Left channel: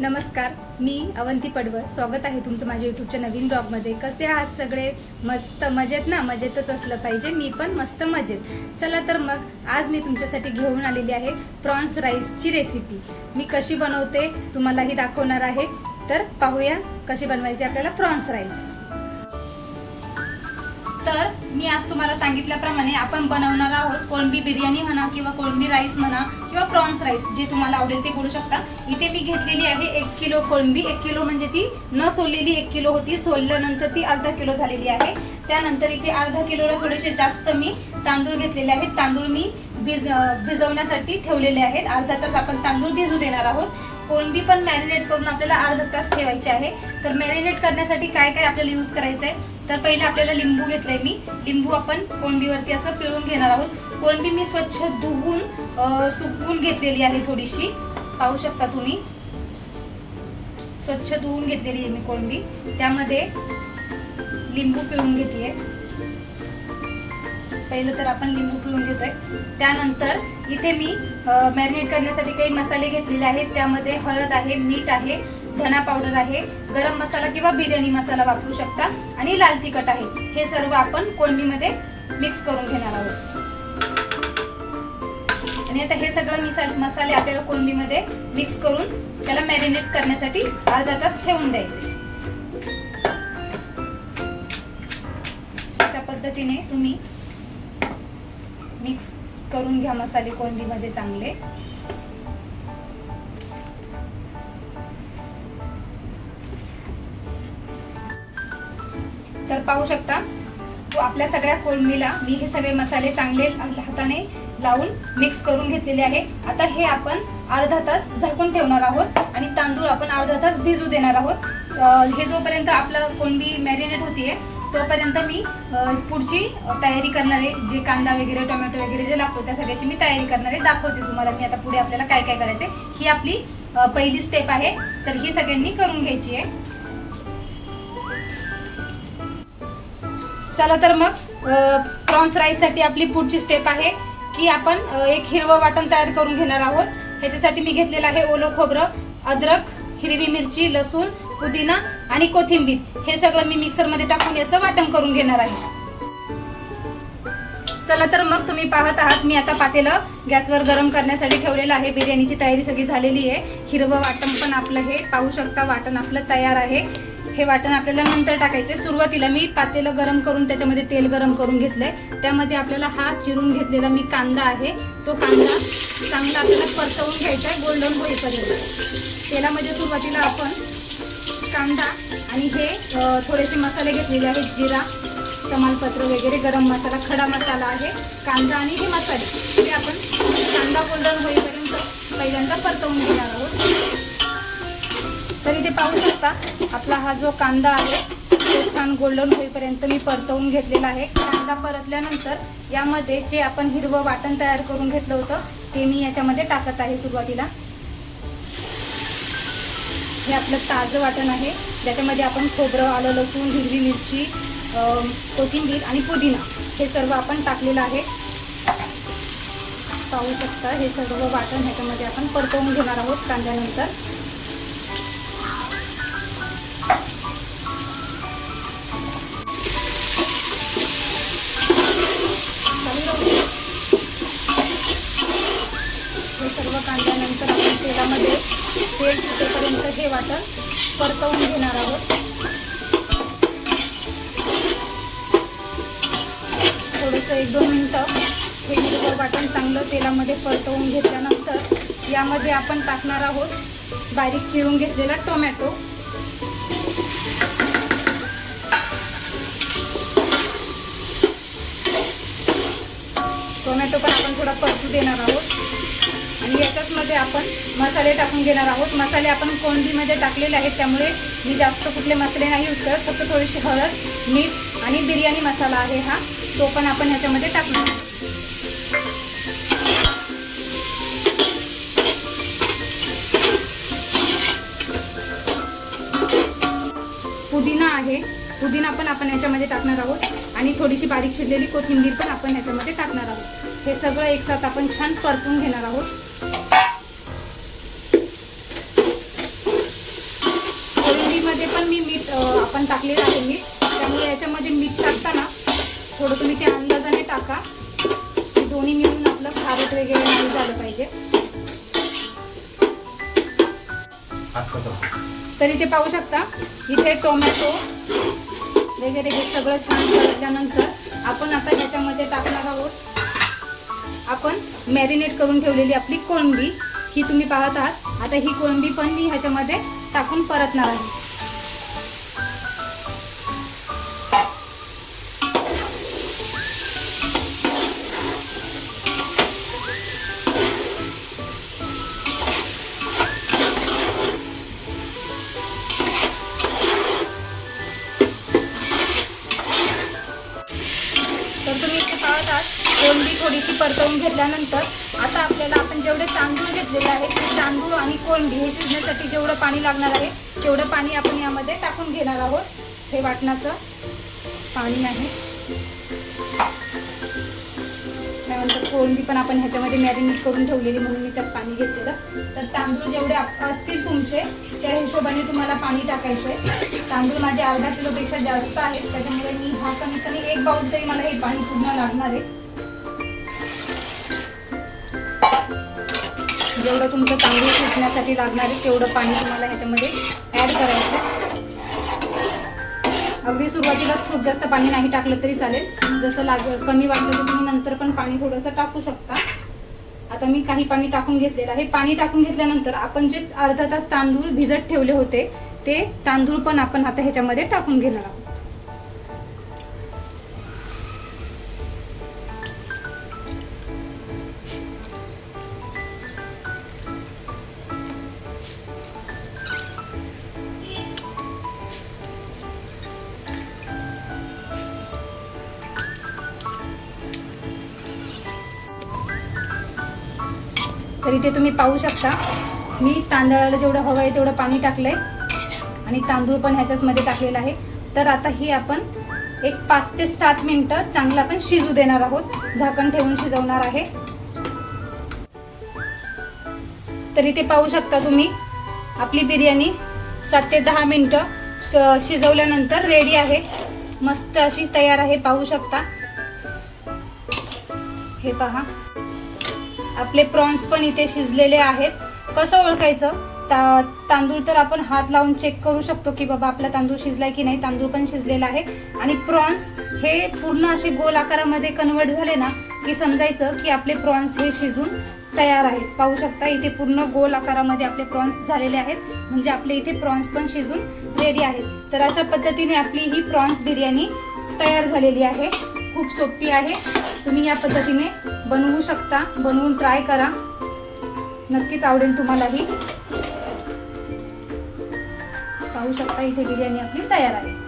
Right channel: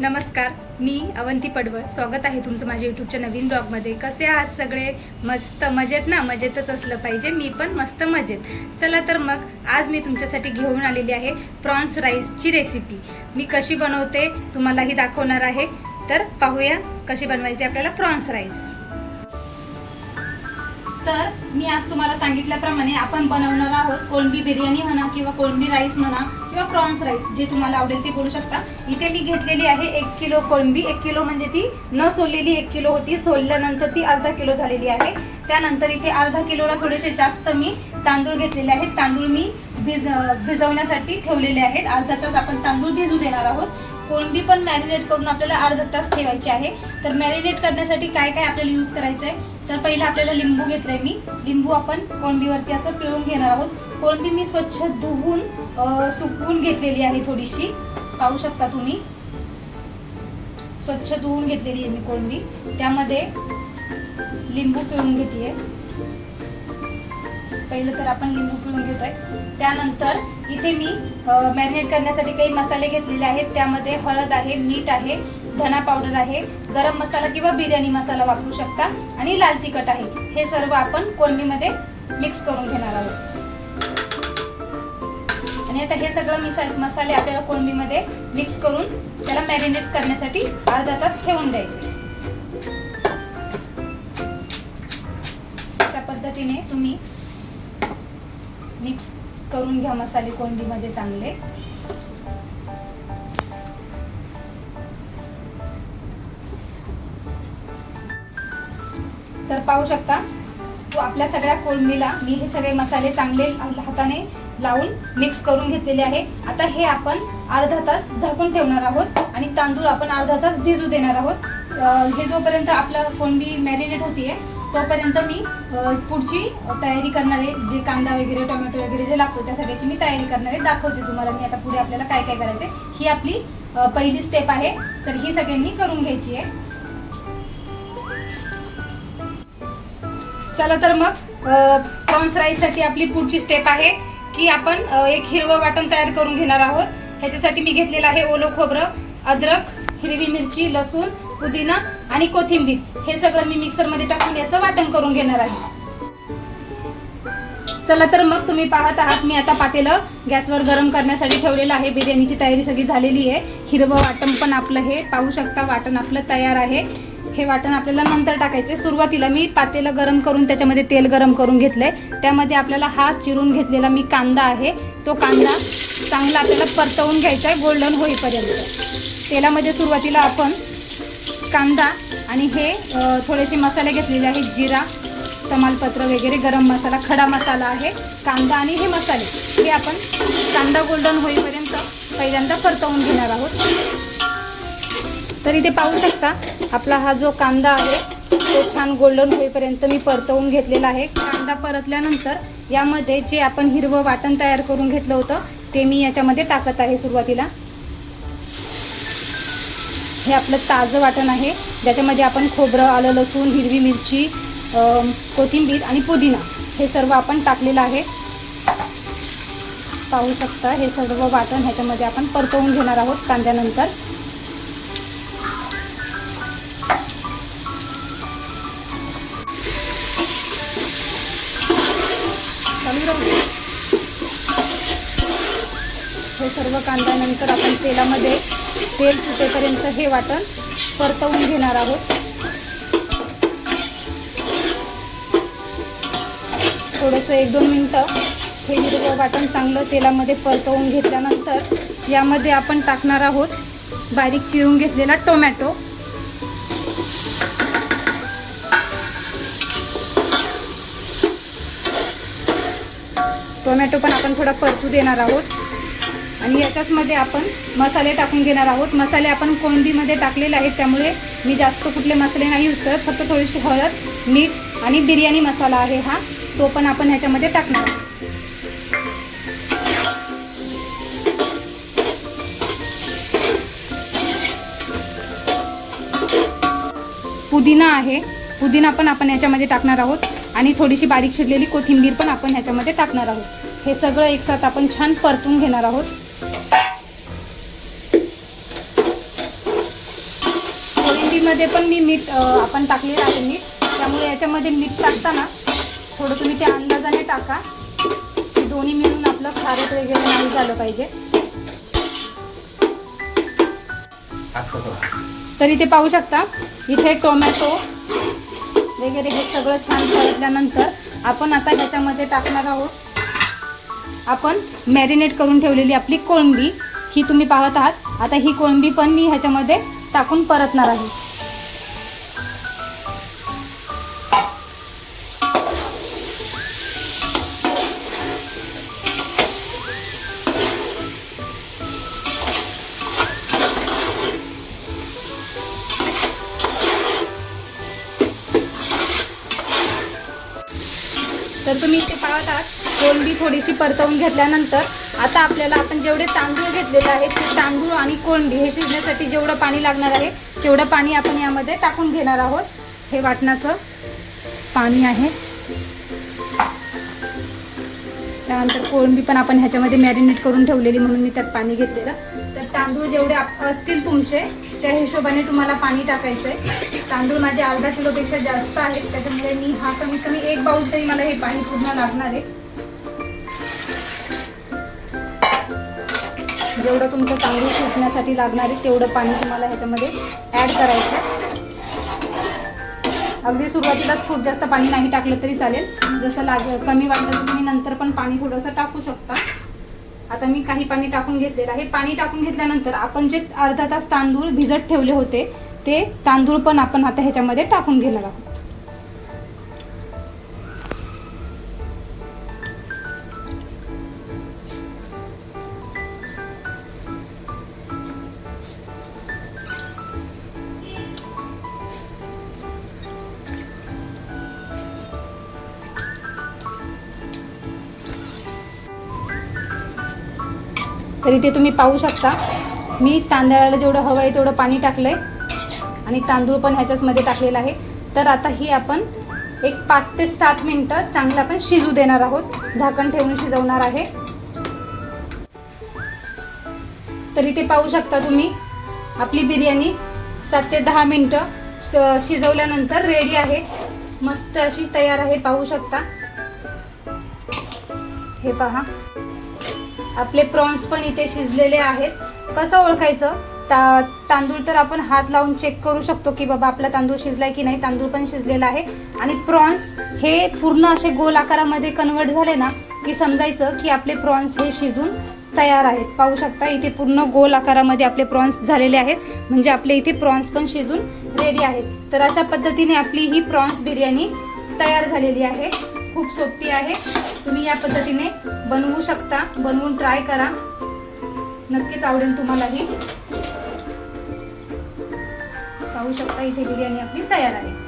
नमस्कार मी अवंती पडवळ. स्वागत आहे तुमचं माझ्या यूट्यूबच्या नवीन ब्लॉगमध्ये. कसे आहात सगळे? मस्त मजेत ना? मजेतच असलं पाहिजे. मी पण मस्त मजेत. चला तर मग आज मी तुमच्यासाठी घेऊन आलेली आहे प्रॉन्स राईसची रेसिपी. मी कशी बनवते तुम्हालाही दाखवणार आहे. तर पाहूया कशी बनवायची आपल्याला प्रॉन्स राईस. तर मी आज तुम्हाला सांगितल्याप्रमाणे आपण बनवणार आहोत कोळंबी बिर्याणी म्हणा किंवा कोळंबी राईस म्हणा किंवा प्रॉन्स राईस जे तुम्हाला आवडेल ते करू शकता. इथे मी घेतलेली आहे एक किलो कोळंबी. एक किलो म्हणजे ती न सोललेली एक किलो होती. सोलल्यानंतर ती अर्धा किलो झालेली आहे. त्यानंतर इथे अर्धा किलोला थोडेसे जास्त मी तांदूळ घेतलेले आहेत. तांदूळ मी भिज भिजवण्यासाठी ठेवलेले आहेत. अर्धा तास आपण तांदूळ भिजू देणार आहोत. कोळंबी पण मॅरिनेट करून आपल्याला अर्धा तास ठेवायची आहे. तर मॅरिनेट करण्यासाठी काय काय आपल्याला यूज करायचं आहे तर पहिलं आपल्याला लिंबू घेतलंय मी. लिंबू आपण कोळंबीवरती असं पिळून घेणार आहोत. कोळंबी मी स्वच्छ धुवून सुकवून घेतलेली आहे थोडीशी. पाहू शकता तुम्ही. स्वच्छ धुवून घेतलेली आहे मी कोळंबी त्यामध्ये लिंबू पिळून घेते पहिलं तर आपण लिंबू पिळून घेतोय. त्यानंतर इथे मी मॅरिनेट करण्यासाठी काही मसाले घेतलेले आहेत. त्यामध्ये हळद आहे मीठ आहे धना पावडर आहे गरम मसाला किंवा बिर्याणी मसाला वापरू शकता. आणि लाल तिखट आहे. हे सर्व आपण कोळंबीमध्ये मिक्स करून घेणार आहोत. आणि आता हे सगळं मिसा मसाले आपल्याला कोळंबीमध्ये मिक्स करून त्याला मॅरिनेट करण्यासाठी अर्धा तास ठेवून द्यायचे. अशा पद्धतीने तुम्ही मिक्स करून घ्या मसाले कोंडीमध्ये चांगले. तर पाहू शकता आपल्या सगळ्या कोलमीला मी हे सगळे मसाले चांगले हाताने लावून मिक्स करून घेतलेले आहे. आता हे आपण अर्धा तास झाकून ठेवणार आहोत आणि तांदूळ आपण अर्धा तास भिजू देणार आहोत. हे जोपर्यंत आपलं कोंडी मॅरिनेट होतीये तोपर्यंत मी पुढची तयारी करणारे जे कांदा वगैरे टोमॅटो वगैरे जे लागतो त्या सगळ्याची मी तयारी करणारे दाखवते तुम्हाला मी आता पुढे आपल्याला काय काय करायचंय. ही आपली पहिली स्टेप आहे. तर ही सगळ्यांनी करून घ्यायची आहे. चला तर मग प्रॉन्स राईससाठी आपली पुढची स्टेप आहे की आपण एक हिरवं वाटण तयार करून घेणार आहोत. ह्याच्यासाठी मी घेतलेलं आहे ओलं खोबरं अद्रक हिरवी मिरची लसूण पुदिना आणि कोथिंबीर हे सगळं मी मिक्सरमध्ये टाकून याचं वाटण करून घेणार आहे. चला तर मग तुम्ही पाहत आहात मी आता पातेलं गॅसवर गरम करण्यासाठी ठेवलेलं आहे. बिर्याणीची तयारी सगळी झालेली आहे. हिरवं वाटण पण आपलं हे पाहू शकता वाटण आपलं तयार आहे. हे वाटण आपल्याला नंतर टाकायचं सुरुवातीला मी पातेलं गरम करून त्याच्यामध्ये तेल गरम करून घेतलंय. त्यामध्ये आपल्याला हा चिरून घेतलेला मी कांदा आहे. तो कांदा चांगला आपल्याला परतवून घ्यायचा आहे गोल्डन होईपर्यंत. तेलामध्ये सुरुवातीला आपण कांदा आणि हे थोडेसे मसाले घेतलेले आहेत जिरा तमालपत्र वगैरे गरम मसाला खडा मसाला आहे कांदा आणि हे मसाले. हे आपण कांदा गोल्डन होईपर्यंत पहिल्यांदा परतवून घेणार आहोत. तर इथे पाहू शकता आपला हा जो कांदा आहे तो छान गोल्डन होईपर्यंत मी परतवून घेतलेला आहे. कांदा परतल्यानंतर यामध्ये जे आपण हिरवं वाटण तयार करून घेतलं होतं ते मी याच्यामध्ये टाकत आहे सुरुवातीला. हे आपलं ताजं वाटण आहे. ज्याच्यामध्ये आपण खोबरं आलं लसूण हिरवी मिरची कोथिंबीर आणि पुदिना हे सर्व आपण टाकलेलं आहे. पाहू शकता हे सर्व वाटण ह्याच्यामध्ये आपण परतवून घेणार आहोत कांद्यानंतर. हे सर्व कांद्यानंतर आपण तेलामध्ये तेल सुटेपर्यंत हे वाटण परतवून घेणार आहोत. थोडंसं एक दोन मिनटं हे हिरवं वाटण चांगलं तेलामध्ये परतवून घेतल्यानंतर यामध्ये आपण टाकणार आहोत बारीक चिरून घेतलेला टोमॅटो. टोमॅटो पण आपण थोडा परतू देणार आहोत. आणि याच्याचमध्ये आपण मसाले टाकून घेणार आहोत. मसाले आपण कोंडीमध्ये टाकलेले आहेत त्यामुळे मी जास्त कुठले मसाले नाही यूज करत फक्त थोडीशी हळद मीठ आणि बिर्याणी मसाला आहे हा. तो पण आपण ह्याच्यामध्ये टाकणार आहोत. पुदिना आहे. पुदिना पण आपण याच्यामध्ये टाकणार आहोत. आणि थोडीशी बारीक चिरलेली कोथिंबीर पण आपण ह्याच्यामध्ये टाकणार आहोत. हे सगळं एकसाथ आपण छान परतून घेणार आहोत. याच्यामध्ये पण मी मीठ आपण टाकलेलं आहे मीठ. त्यामुळे याच्यामध्ये मीठ टाकताना थोडं तुम्ही ते अंदाजाने टाका. दोन्ही मिळून आपलं खारट वगैरे नाही झालं पाहिजे. तर इथे पाहू शकता इथे टोमॅटो वगैरे हे सगळं छान परतल्यानंतर आपण आता ह्याच्यामध्ये टाकणार आहोत. आपण मॅरिनेट करून ठेवलेली आपली कोळंबी. ही तुम्ही पाहत आहात. आता ही कोळंबी पण मी ह्याच्यामध्ये टाकून परतणार आहे. तर तुम्ही इथे पाहत आहात कोळंबी थोडीशी परतवून घेतल्यानंतर आता आपल्याला आपण जेवढे तांदूळ घेतलेले आहेत ते तांदूळ आणि कोळंबी हे शिजण्यासाठी जेवढं पाणी लागणार आहे तेवढं पाणी आपण यामध्ये टाकून घेणार आहोत. हे वाटणाचं पाणी आहे. त्यानंतर कोळंबी पण आपण ह्याच्यामध्ये मॅरिनेट करून ठेवलेली म्हणून मी त्यात पाणी घेतलेलं. तर तांदूळ जेवढे आप- असतील तुमचे त्या हिशोबाने तुम्हाला पाणी टाकायचं आहे तांदूळ माझे अर्धा किलोपेक्षा जास्त आहेत त्याच्यामुळे मी हा कमीत कमी एक बाउल तरी मला हे पाणी पूर्ण लागणार आहे. जेवढं तुमचं तांदूळ सुटण्यासाठी लागणार आहे तेवढं पाणी तुम्हाला ह्याच्यामध्ये ॲड करायचं अगदी सुरुवातीलाच खूप जास्त पाणी नाही टाकलं तरी चालेल. जसं लाग कमी वाटलं तर तुम्ही नंतर पण पाणी थोडंसं टाकू शकता. आता मी काही पाणी टाकून घेतलेलं आहे. पाणी टाकून घेतल्यानंतर आपण जे अर्धा तास तांदूळ भिजत ठेवले होते ते तांदूळ पण आपण आता ह्याच्यामध्ये टाकून घेणार आहोत. तर इथे तुम्ही पाहू शकता. मी तांदळाला जेवढं हवं आहे तेवढं पाणी टाकलं आहे आणि तांदूळ पण ह्याच्याचमध्ये टाकलेला आहे. तर आता ही आपण एक पाच ते सात मिनटं चांगलं आपण शिजू देणार आहोत. झाकण ठेवून शिजवणार आहे. तर इथे पाहू शकता तुम्ही. आपली बिर्याणी सात ते दहा मिनटं श- शिजवल्यानंतर रेडी आहे. मस्त अशी तयार आहे पाहू शकता. हे पहा. आपले प्रॉन्स पण इथे शिजलेले आहेत. कसं ओळखायचं? ता तांदूळ तर आपण हात लावून चेक करू शकतो की बाबा आपला तांदूळ शिजलाय की नाही. तांदूळ पण शिजलेला आहे. आणि प्रॉन्स हे पूर्ण असे गोल आकारामध्ये कन्वर्ट झाले ना की समजायचं की आपले प्रॉन्स हे शिजून तयार आहेत. पाहू शकता इथे पूर्ण गोल आकारामध्ये आपले प्रॉन्स झालेले आहेत. म्हणजे आपले इथे प्रॉन्स पण शिजून रेडी आहेत. तर अशा पद्धतीने आपली ही प्रॉन्स बिर्याणी तयार झालेली आहे. खूप सोपी आहे. तुम्ही या पद्धतीने बनवू शकता बनवून ट्राय करा. नक्कीच आवडेल तुम्हालाही. पाहू शकता इथे बिर्याणी आपली तयार आहे.